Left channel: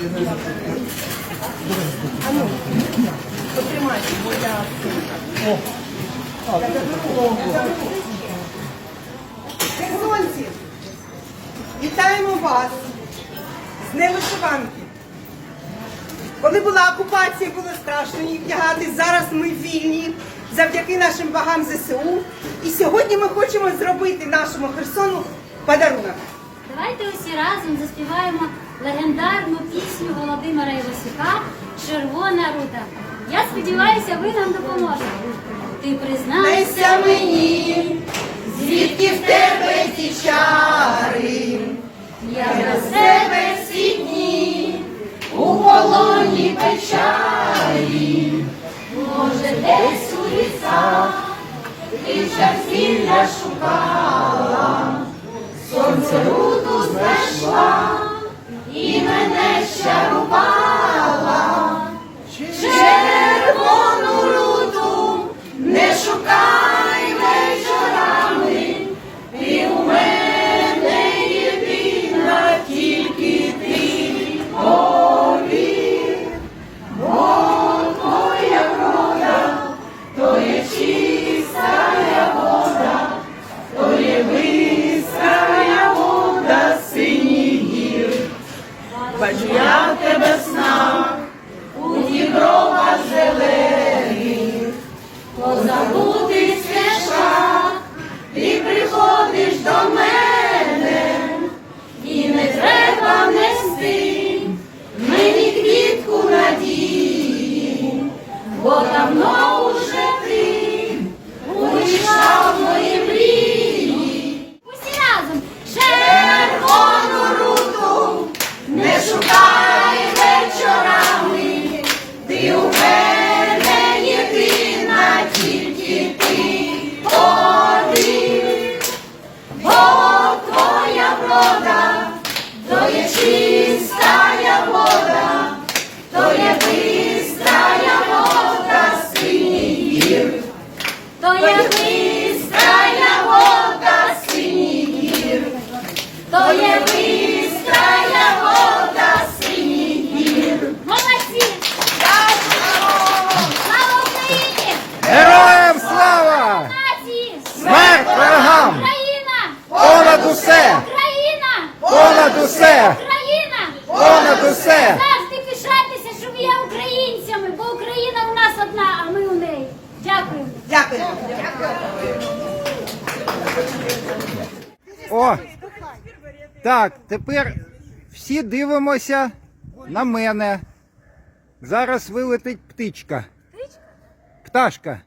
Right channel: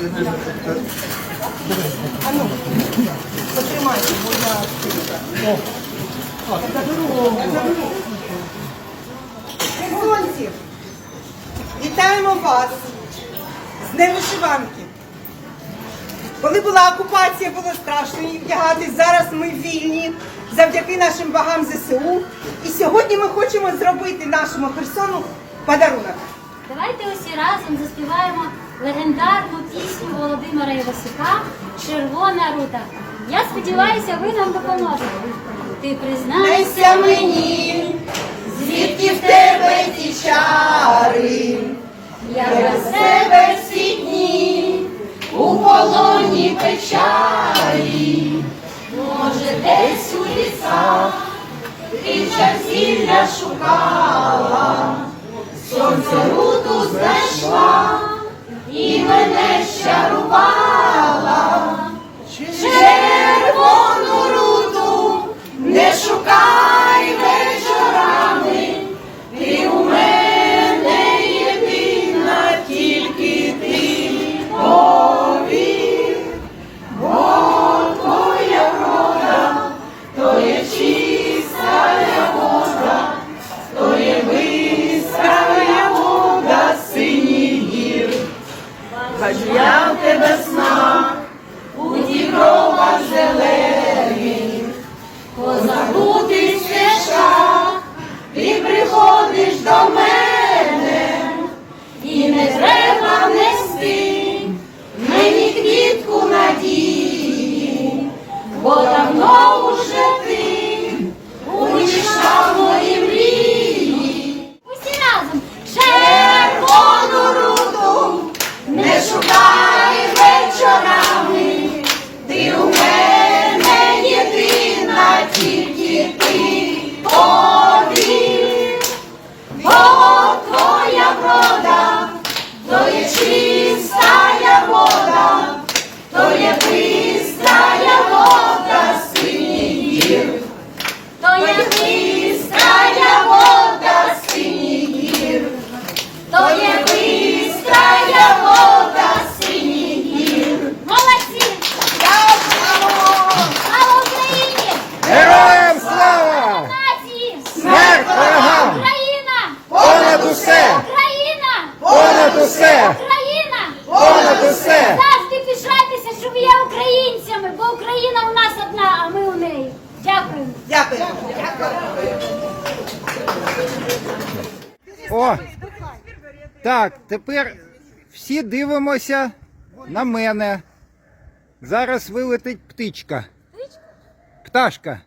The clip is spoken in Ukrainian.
А ну, потримайте, бо я... Херсонці, вітаємо вас з Днем вишиванки. Коли була окупація, було страшно її вдягати. Зараз ми вільні завдяки нашим вагам ЗСУ. І сьогодні ми хочемо зробити нашому Херсону подарунок. Давайте усі разом заспіваємо легендарну пісню Володимира Івасюка Червона рута. Я сподіваюся, ви нам допоможете. Ти признайся мені, звідки в тебе ті чари, я без тебе всі дні у полоні печалі, може десь у лісах ти зілля шукала, Бистрая вода синіх гір. То є бистрая вода синіх гір. молодці! Слава Україні! Героям слава! Смерть ворогам! Україна! Понад усе! Україна! Понад усе! Україна! Понад усе! Завжди пишайтеся, що ви є українцями, бо Україна у нас одна, а ми у неї. Дякуємо. О! Так, тепер всі дивимося на мене. Зараз вилетить птичка. Пташка.